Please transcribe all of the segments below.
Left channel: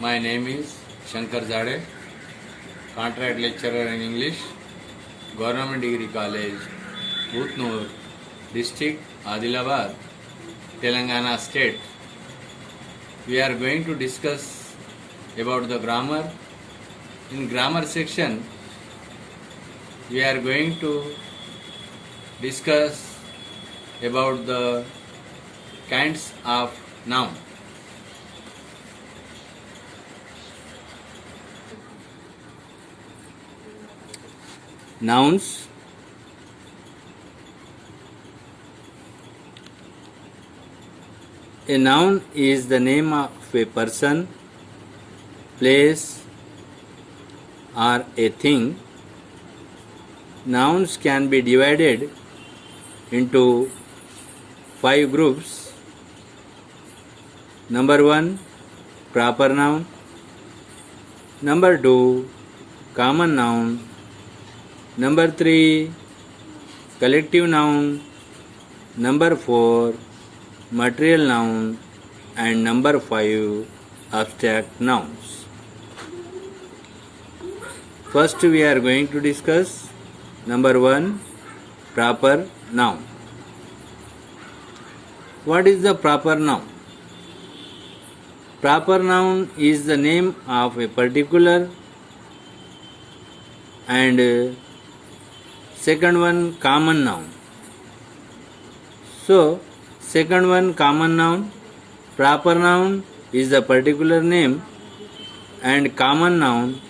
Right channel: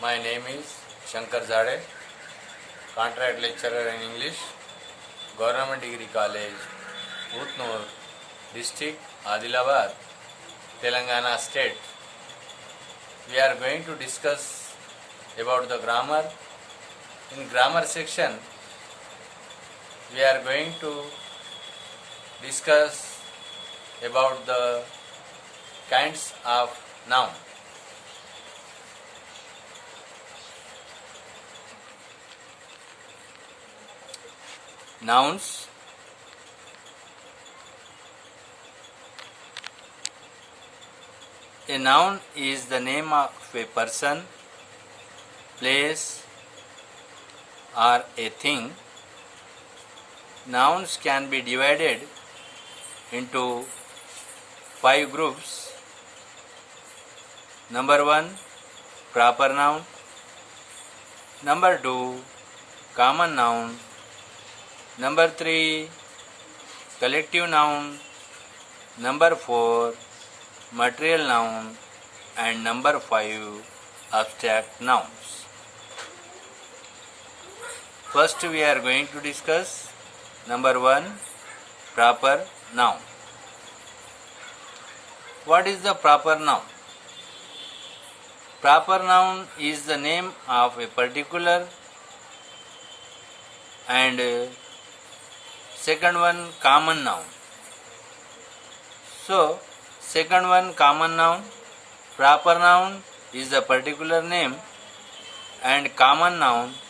My name is Shankar Zade, contract lecturer in English, Government Degree College, Utnur, District, Adilabad, Telangana State. We are going to discuss about the grammar. In grammar section, we are going to discuss about the kinds of noun. Nouns. A noun is the name of a person, place, or a thing. Nouns can be divided into 5 groups. Number 1, proper noun. Number 2, common noun. Number 3, collective noun. Number 4, material noun. And number 5, abstract nouns. First we are going to discuss number 1, proper noun. What is the proper noun? Proper noun is the name of a particular, and second one, common noun. So, second one, common noun. Proper noun is the particular name, and common noun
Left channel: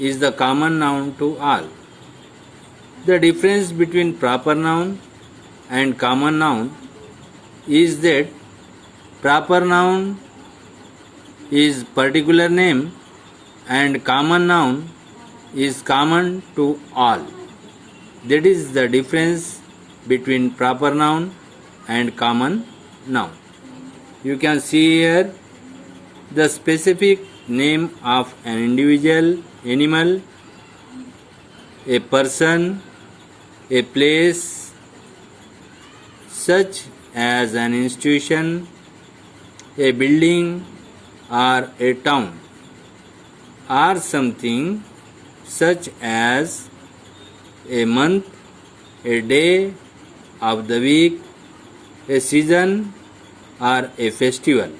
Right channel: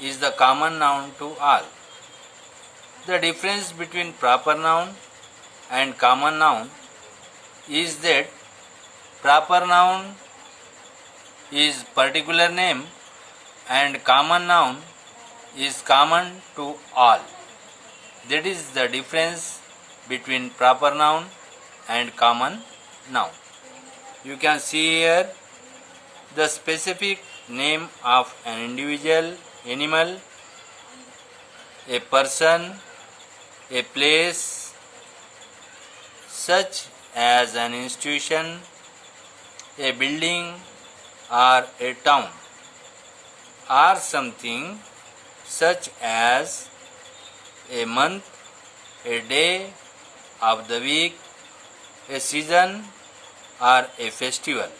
is the common noun to all. The difference between proper noun and common noun is that proper noun is particular name and common noun is common to all. That is the difference between proper noun and common noun. You can see here the specific name of an individual, animal, a person, a place, such as an institution, a building, or a town, or something such as a month, a day of the week, a season, or a festival.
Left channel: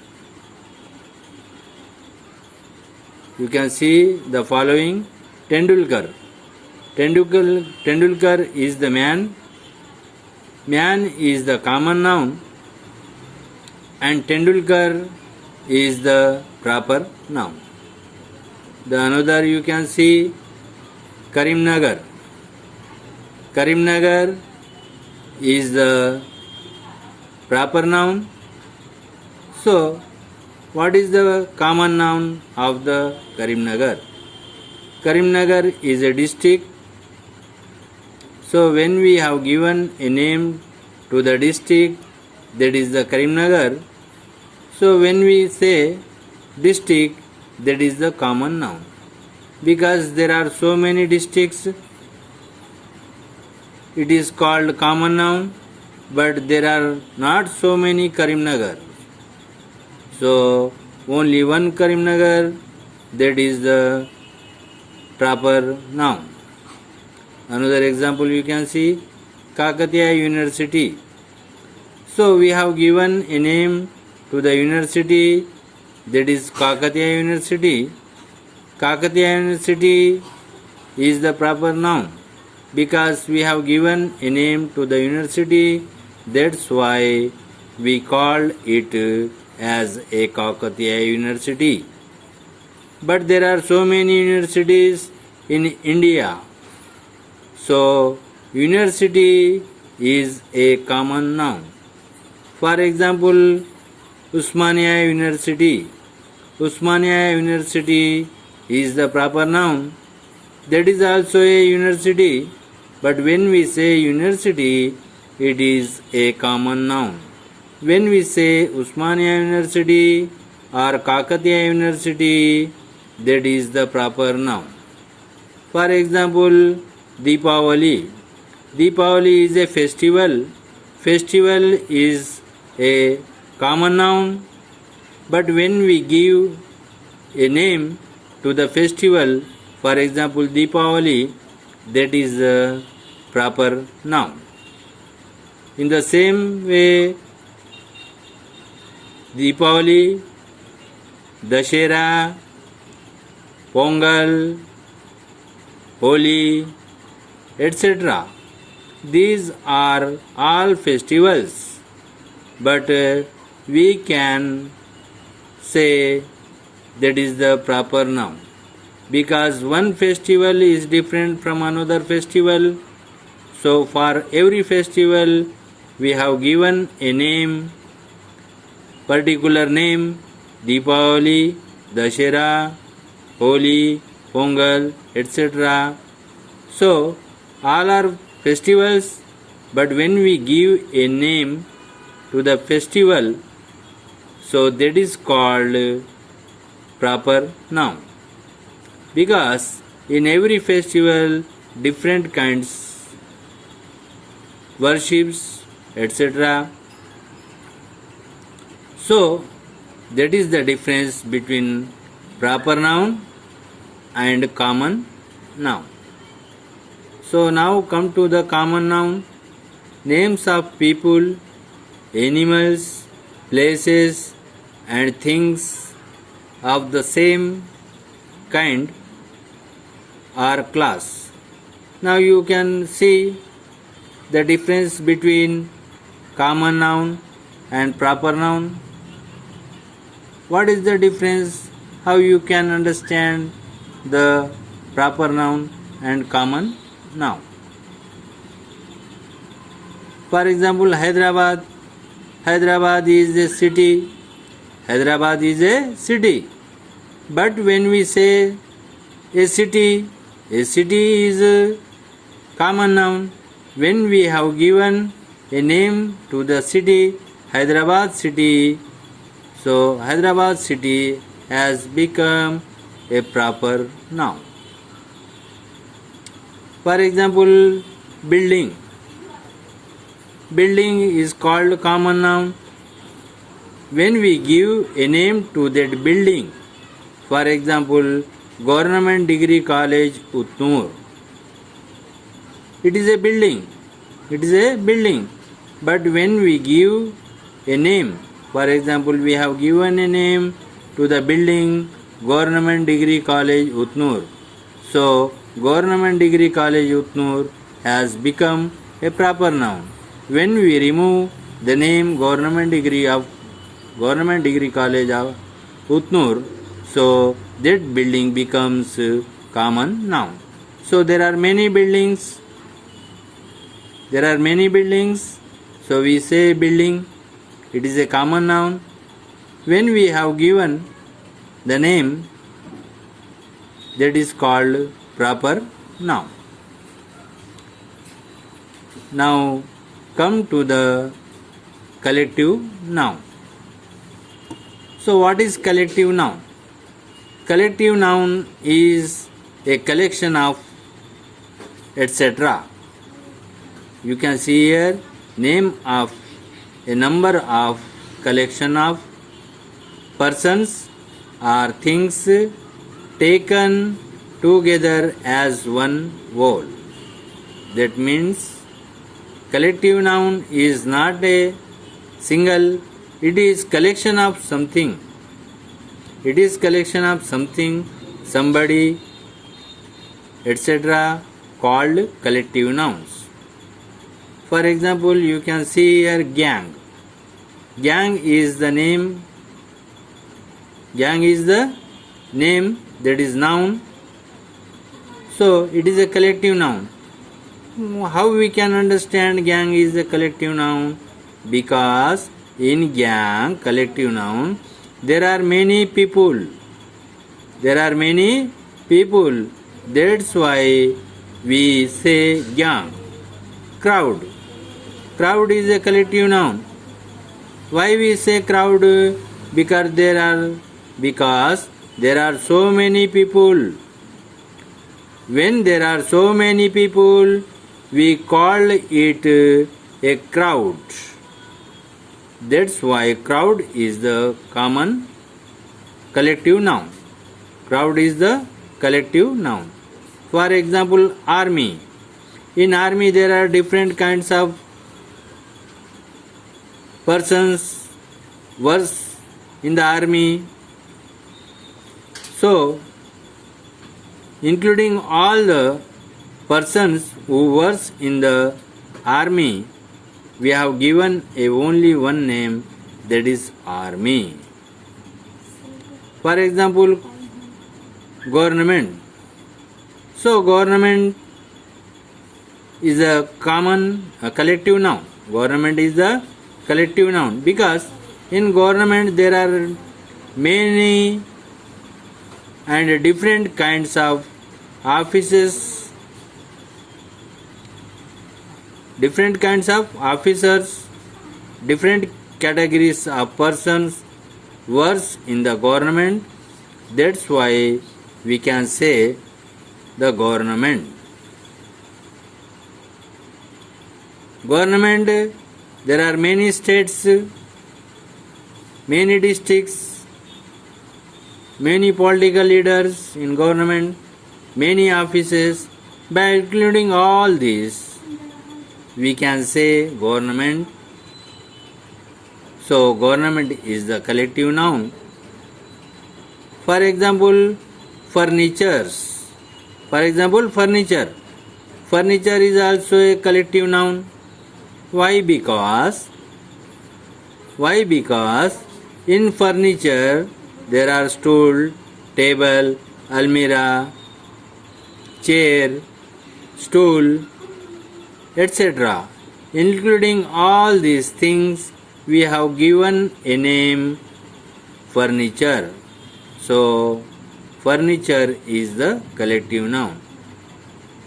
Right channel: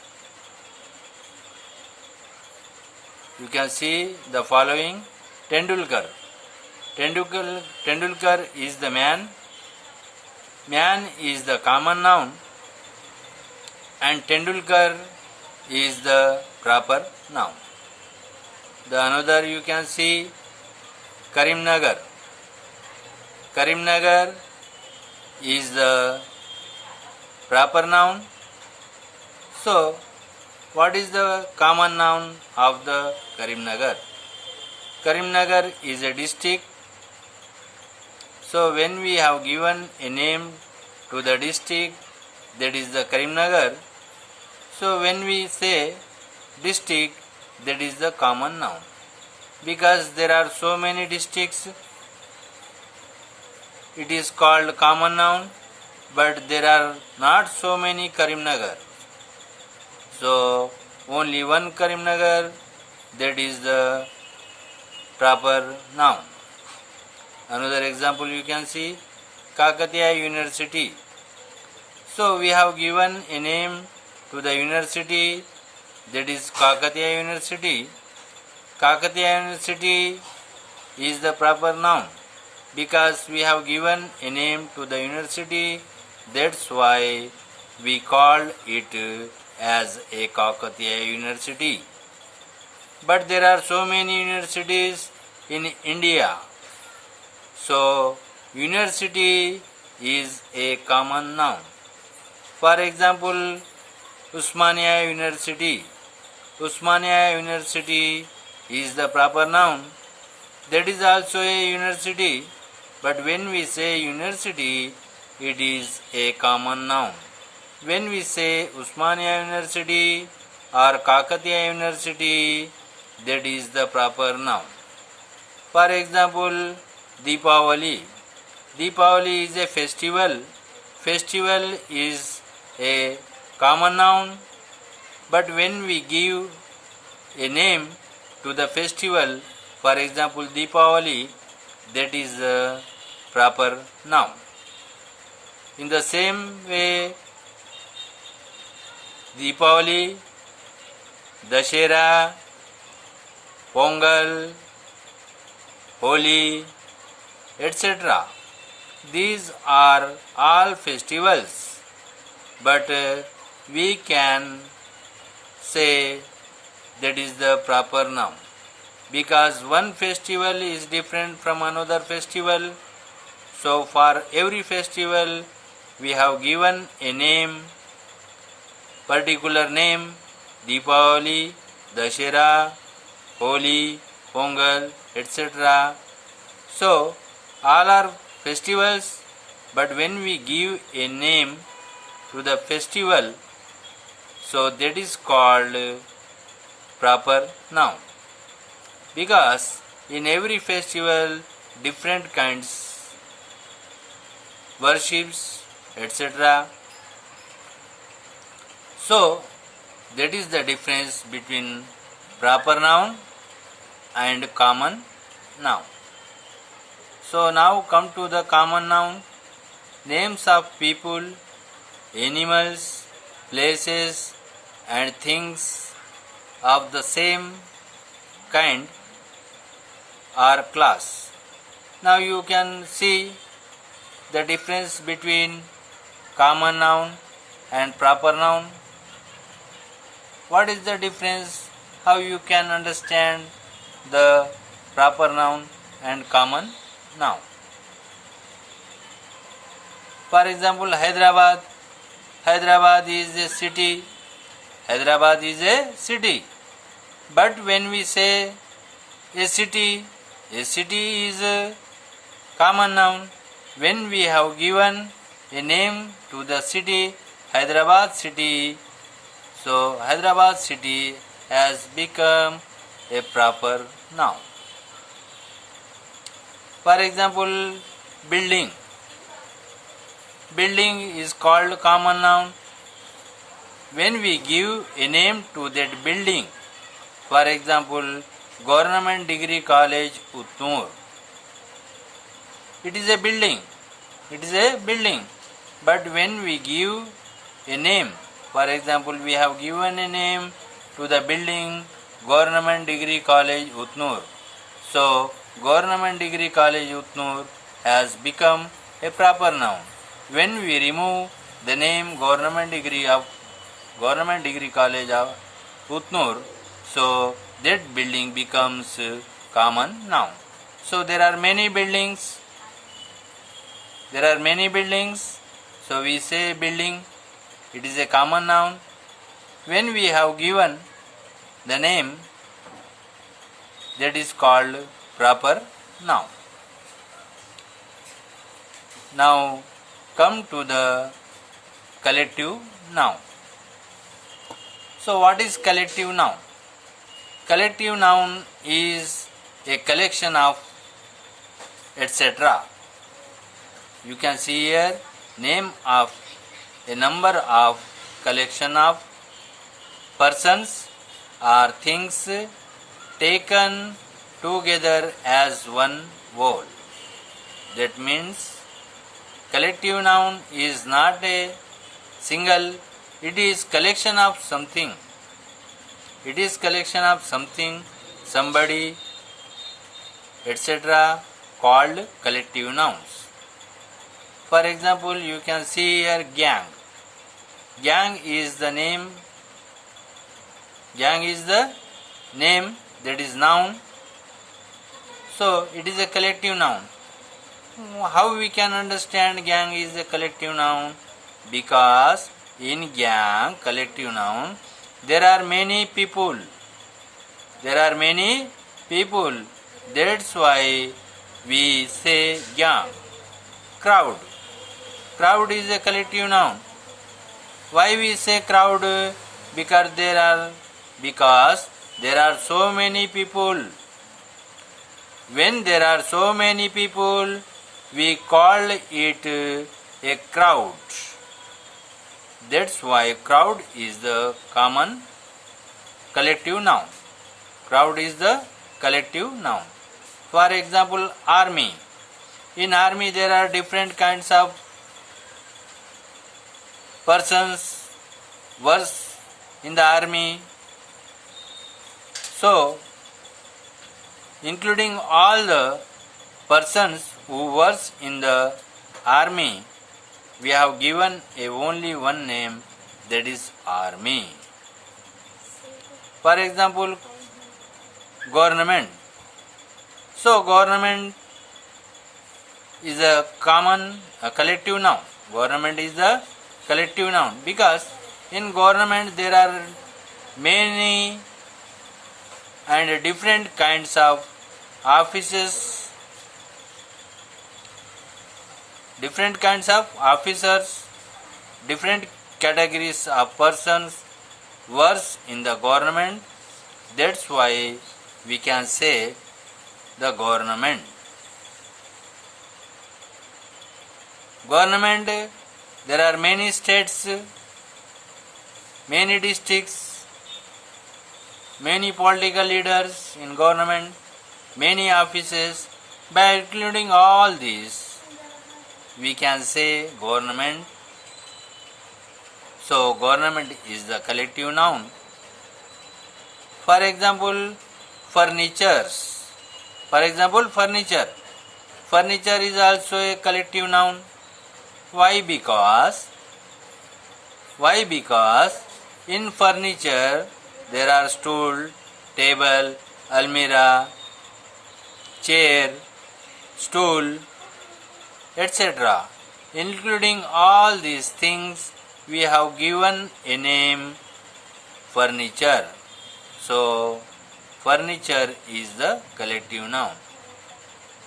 You can see the following. Tendulkar. Tendulkar is the man. Man is the common noun, and Tendulkar is the proper noun. The another you can see Karimnagar. Karimnagar is the proper noun. So, what is the common noun of the Karimnagar? Karimnagar is a district. So, when we have given a name to the district, that is the Karimnagar. So, when we say district, that is the common noun. Because there are so many districts, it is called common noun, but there are not so many Karimnagar. So, only one Karimnagar, that is the proper noun. Another example you can see Kakatiya University. So, we have given a name to the university, that is Kakatiya University. Kakatiya University is the proper noun because we have given a name to the university. That's why we call it as a Kakatiya University. But there are so many universities in India. So, university is a common noun. For example, Usmania University. Usmania University is the proper noun. That is also a university, but when we say university, it is a common noun. When we say Usmania University or Kakatiya University, that is the proper noun. For example, Deepavali. Deepavali is a festival. Festival is a common noun, but when we give a name to the festival, for example Deepavali, that is a proper noun. In the same way, Deepavali, Dashera, Pongal, Holi, etc. These are all festivals, but we can say that is the proper noun because one festival is different from another festival. So for every festival we have given a name, particular name, Deepavali, Dashera, Holi, Pongal, etc. So all are festivals, but when we give a name to the festival, so that is called proper noun. Because in every festival different kinds worships, etc. So that is the difference between proper noun and common noun. So now come to the common noun. Names of people, animals, places and things of the same kind or class. Now you can see the difference between common noun and proper noun. What is the difference? How you can understand the proper noun and common noun? For example, Hyderabad. Hyderabad is a city. Hyderabad is a city. But when we say a city is a common noun. When we have given a name to the city, Hyderabad city, so Hyderabad city has become a proper noun. For example, building. Building is called common noun. When we give a name to that building, for example, Government Degree College, Utnur. It is a building. It is a building. But when we give a name, for example, we have given a name to the building Government Degree College, Utnur. So, Government Degree College, Utnur has become a proper noun. When we remove the name Government Degree College of Utnur, so that building becomes common noun. So there are many buildings. So we say building. It is a common noun. When we have given the name, that is called proper noun. Now come to the collective noun. So what is collective noun? Collective noun is a collection of etc. You can see here name of a number of collection of persons or things taken together as one whole. That means collective noun is not a single, it is collection of something. It is collection of something, somebody, etc. called collective nouns. For example, you can see here gang. Gang is the name. Gang is the name, that is noun. So it is a collective noun. How we can understand gang is a collective noun? Because in gang, collective noun, there are many people. That's why we say gang. Crowd. Crowd is a collective noun. Why we say crowd? Because there are so many people. When there are so many people, we call it a crowd. That's why crowd is the common collective noun. Crowd is the collective noun. For example, army. In army there are different kinds of persons works in the army. So, including all the persons who works in the army, we have given only one name, that is army. For example, government. So government is a collective noun. Government is a collective noun because in government there are many and different kinds of offices, different kinds of officers, different categories of persons works in the government. That's why we can say the government. Government, there are many states, many districts, many political leaders in government, many offices. By including all these, we can say government. So government is the collective noun. For example, furnitures. For example, furniture. Furniture is also a collective noun. Why? Because in furniture there are stool, table, almirah, chair, stool, etc. Including all these things, we have given a name, furniture. So, furniture is the collective noun.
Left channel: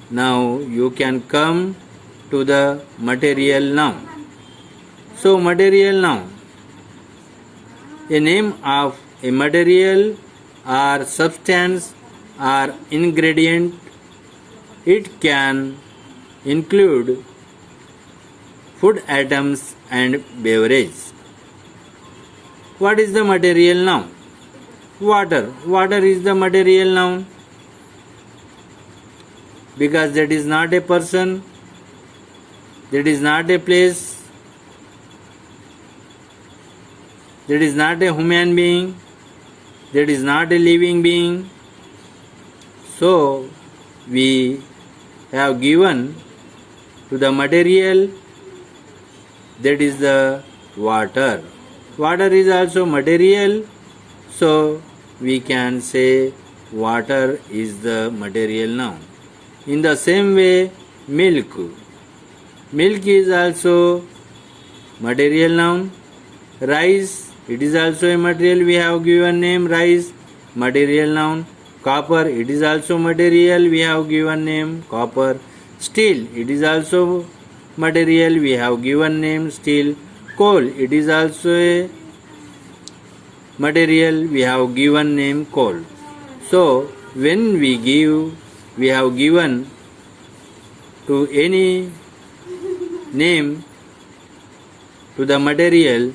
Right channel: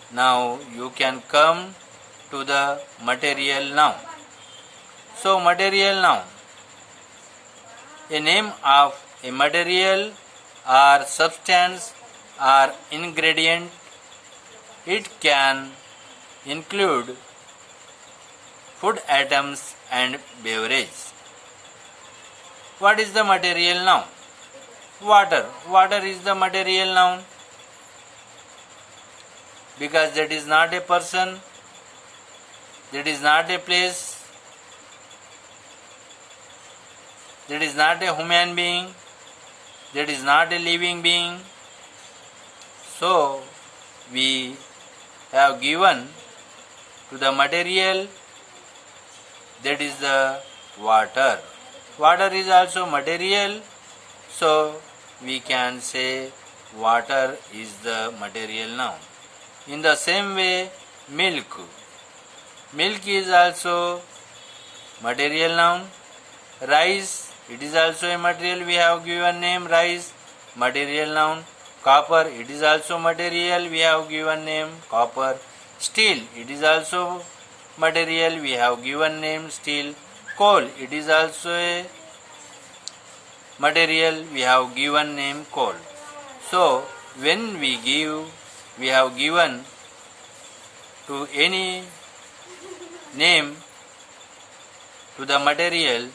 Now, you can come to the material noun. So, material noun, a name of a material or substance or ingredient. It can include food items and beverage. What is the material noun? Water. Water is the material noun because that is not a person, that is not a place, that is not a human being, that is not a living being. So, we have given to the material, that is the water. Water is also material, so we can say water is the material noun. In the same way, milk. Milk is also material noun. Rice, it is also a material. We have given name rice, material noun. Copper, it is also material. We have given name copper. Steel, it is also material. We have given name steel. Coal, it is also a material. We have given name coal. So, when we have given to any name to the material,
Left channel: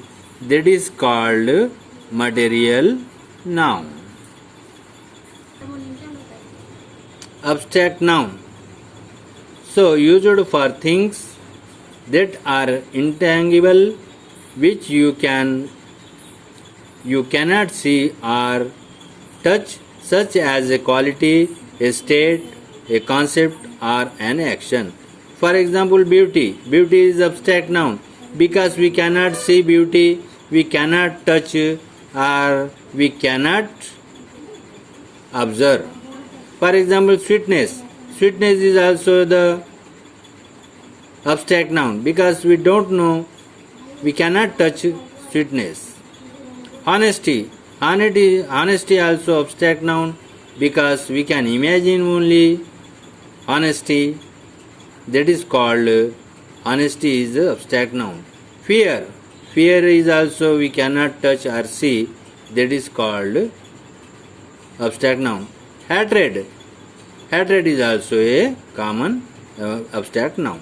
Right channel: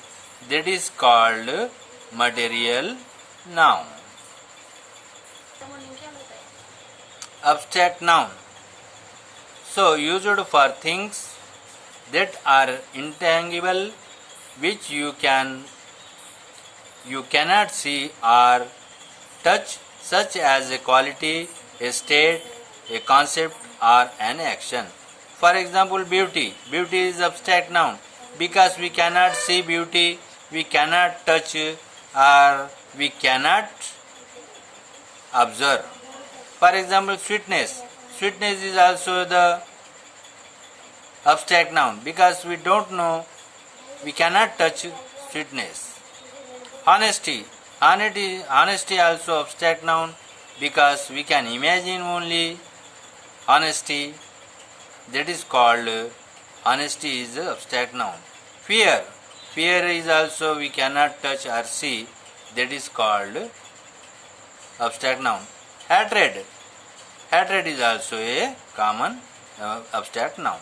that is called material noun. Abstract noun. So, used for things that are intangible, which you cannot see or touch, such as a quality, a state, a concept, or an action. For example, beauty. Beauty is abstract noun because we cannot see beauty, we cannot touch, or we cannot observe. For example, sweetness. Sweetness is also the abstract noun because we don't know, we cannot touch sweetness. Honesty. Honesty also abstract noun because we can imagine only honesty. That is called honesty is the abstract noun. Fear. Fear is also we cannot touch or see. That is called abstract noun. Hatred. Hatred is also a common abstract noun.